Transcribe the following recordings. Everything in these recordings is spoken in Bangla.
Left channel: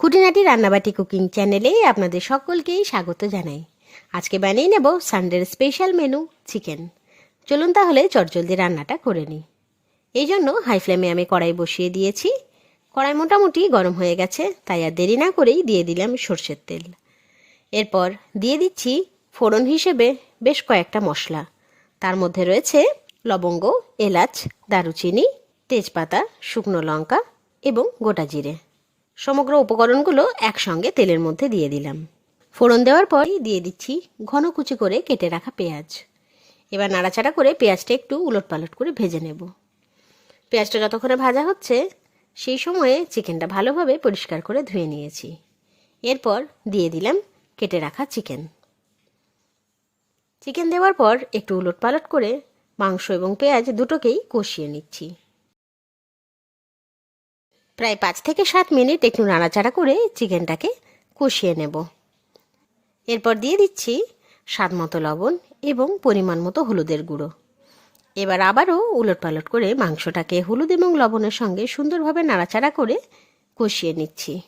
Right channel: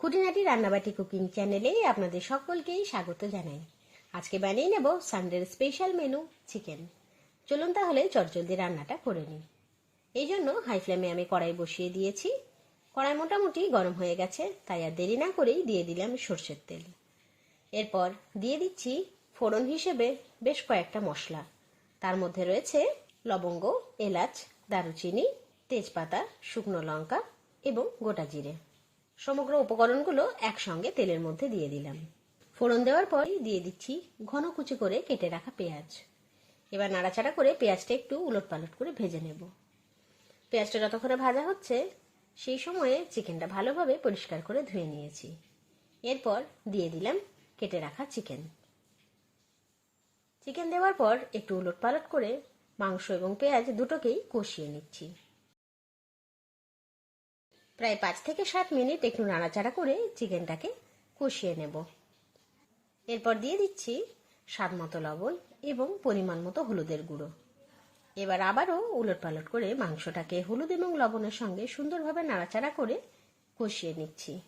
খুঁটিনাটি রান্নাবাটি কুকিং চ্যানেলে আপনাদের সকলকেই স্বাগত জানাই। আজকে বানিয়ে নেব সানডের স্পেশাল মেনু, চিকেন। চলুন তাহলে চটজলদি রান্নাটা করে নিই। এই জন্য হাই ফ্লেমে আমি কড়াই বসিয়ে দিয়েছি। কড়াই মোটামুটি গরম হয়ে গেছে, তাই আর দেরি না করেই দিয়ে দিলাম সর্ষের তেল। এরপর দিয়ে দিচ্ছি ফোড়ন হিসেবে বেশ কয়েকটা মশলা। তার মধ্যে রয়েছে লবঙ্গ, এলাচ, দারুচিনি, তেজপাতা, শুকনো লঙ্কা এবং গোটা জিরে। সমগ্র উপকরণগুলো একসঙ্গে তেলের মধ্যে দিয়ে দিলাম। ফোড়ন দেওয়ার পরই দিয়ে দিচ্ছি ঘন কুচি করে কেটে রাখা পেঁয়াজ। এবার নাড়াচাড়া করে পেঁয়াজটা একটু উলট পালট করে ভেজে নেব। পেঁয়াজটা যতক্ষণে ভাজা হচ্ছে, সেই সময়ে চিকেনটা ভালোভাবে পরিষ্কার করে ধুয়ে নিয়েছি। এরপর দিয়ে দিলাম কেটে রাখা চিকেন। চিকেন দেওয়ার পর একটু উলট পালট করে মাংস এবং পেঁয়াজ দুটোকেই কষিয়ে নিচ্ছি। প্রায় পাঁচ থেকে সাত মিনিট একটু নাড়াচাড়া করে চিকেনটাকে কষিয়ে নেব। এরপর দিয়ে দিচ্ছি স্বাদ মতো লবণ এবং পরিমাণ মতো হলুদের গুঁড়ো। এবার আবারও উলট পালট করে মাংসটাকে হলুদ এবং লবণের সঙ্গে সুন্দরভাবে নাড়াচাড়া করে কষিয়ে নিচ্ছি।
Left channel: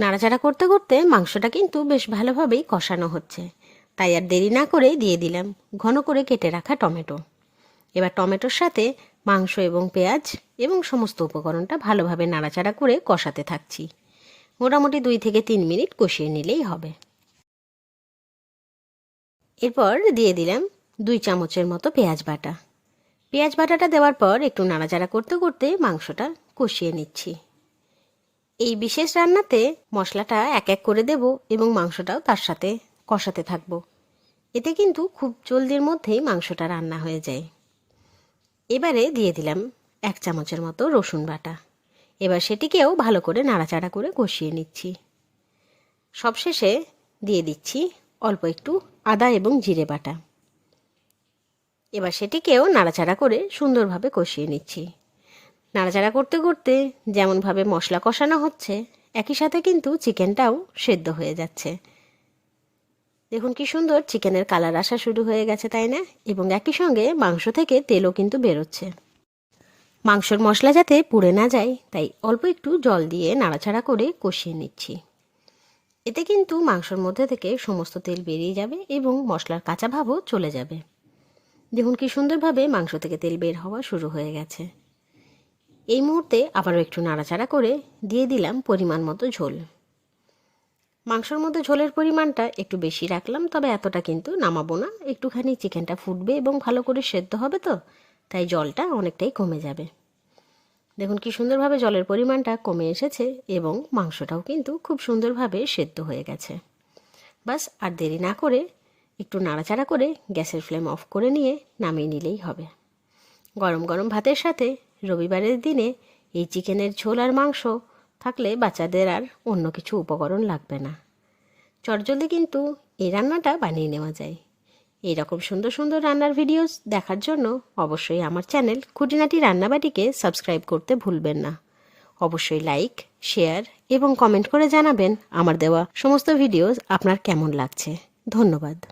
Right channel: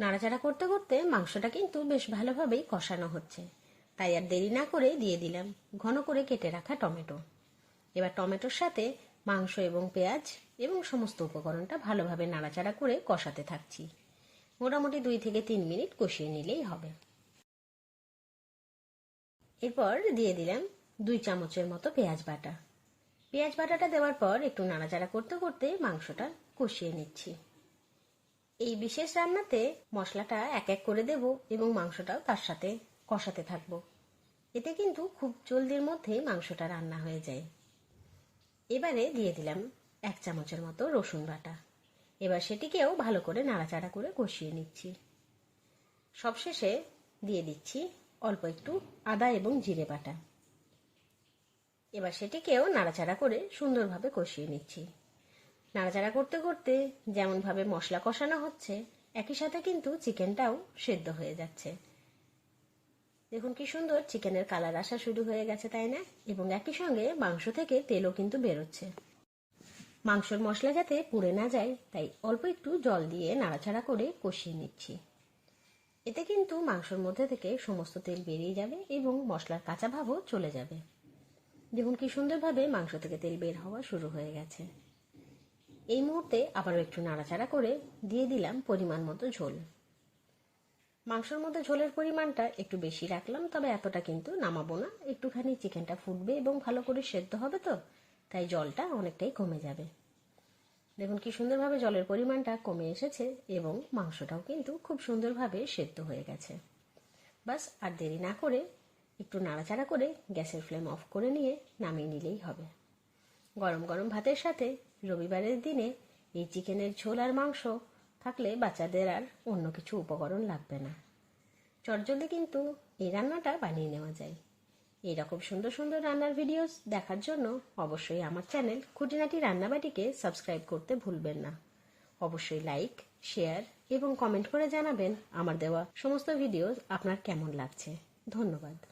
নাড়াচাড়া করতে করতে মাংসটা কিন্তু বেশ ভালোভাবেই কষানো হচ্ছে। তাই আর দেরি না করে দিয়ে দিলাম ঘন করে কেটে রাখা টমেটো। এবার টমেটোর সাথে মাংস এবং পেঁয়াজ এবং সমস্ত উপকরণটা ভালোভাবে নাড়াচাড়া করে কষাতে থাকছি। মোটামুটি দুই থেকে তিন মিনিট কষিয়ে নিলেই হবে। এরপর দিয়ে দিলাম দুই চামচের মতো পেঁয়াজ বাটা। পেঁয়াজ বাটাটা দেওয়ার পর একটু নাড়াচাড়া করতে করতে মাংসটা কষিয়ে নিচ্ছি। এই বিশেষ রান্নাতে মশলাটা এক এক করে দেব এবং মাংসটাও তার সাথে কষাতে থাকব। এতে কিন্তু খুব জলদির মধ্যেই মাংসটা রান্না হয়ে যায়। এবারে দিয়ে দিলাম এক চামচের মতো রসুন বাটা। এবার সেটিকেও ভালো করে নাড়াচাড়া করে কষিয়ে নিচ্ছি। সবশেষে দিয়ে দিচ্ছি অল্প একটু আদা এবং জিরে বাটা। এবার সেটিকেও নাড়াচাড়া করে সুন্দরভাবে কষিয়ে নিচ্ছি। নাড়াচাড়া করতে করতে যেমনভাবে মশলা কষানো হচ্ছে, একই সাথে কিন্তু চিকেনটাও সেদ্ধ হয়ে যাচ্ছে। দেখুন কি সুন্দর চিকেনের কালার আসা শুরু হয়ে গেছে, তাই না? এবং একই সঙ্গে মাংস থেকে তেলও কিন্তু বেরোচ্ছে। মাংসর মশলা যাতে পুড়ে না যায়, তাই অল্প একটু জল দিয়ে নাড়াচাড়া করে কষিয়ে নিচ্ছি। এতে কিন্তু মাংসর মধ্যে থেকে সমস্ত তেল বেরিয়ে যাবে এবং মশলার কাঁচা ভাবও চলে যাবে। দেখুন কি সুন্দরভাবে মাংস থেকে তেল বের হওয়া শুরু হয়ে গেছে। এই মুহূর্তে আবারও একটু নাড়াচাড়া করে দিয়ে দিলাম পরিমাণ মতো ঝোল। মাংসর মধ্যে ঝোলের পরিমাণটা একটু বেশি রাখলাম, তবে এতটা কিন্তু নামাবো না। একটুখানি চিকেনটা ফুটবে এবং ভালো করে সেদ্ধ হবে তো। তাই জলটা অনেকটাই কমে যাবে। দেখুন কি সুন্দরভাবে জলের পরিমাণটা কমে এসেছে এবং মাংসটাও কিন্তু খুব সুন্দরভাবে সেদ্ধ হয়ে গেছে। বাস, আর দেরি না করে একটু নাড়াচাড়া করে গ্যাসের ফ্লেম অফ করে নিয়ে নামিয়ে নিলেই হবে। গরম গরম ভাতের সাথে রবিবারের দিনে এই চিকেনের ঝোল আর মাংস থাকলে বাচ্চাদের আর অন্য কিছু উপকরণ লাগবে না। চটজলদি কিন্তু এই রান্নাটা বানিয়ে নেওয়া যায়। এই রকম সুন্দর সুন্দর রান্নার ভিডিওস দেখার জন্য অবশ্যই আমার চ্যানেল খুঁটিনাটি রান্নাবাটিকে সাবস্ক্রাইব করতে ভুলবেন না। অবশ্যই লাইক শেয়ার এবং কমেন্ট করে জানাবেন আমার দেওয়া সমস্ত ভিডিওস আপনার কেমন লাগছে। ধন্যবাদ।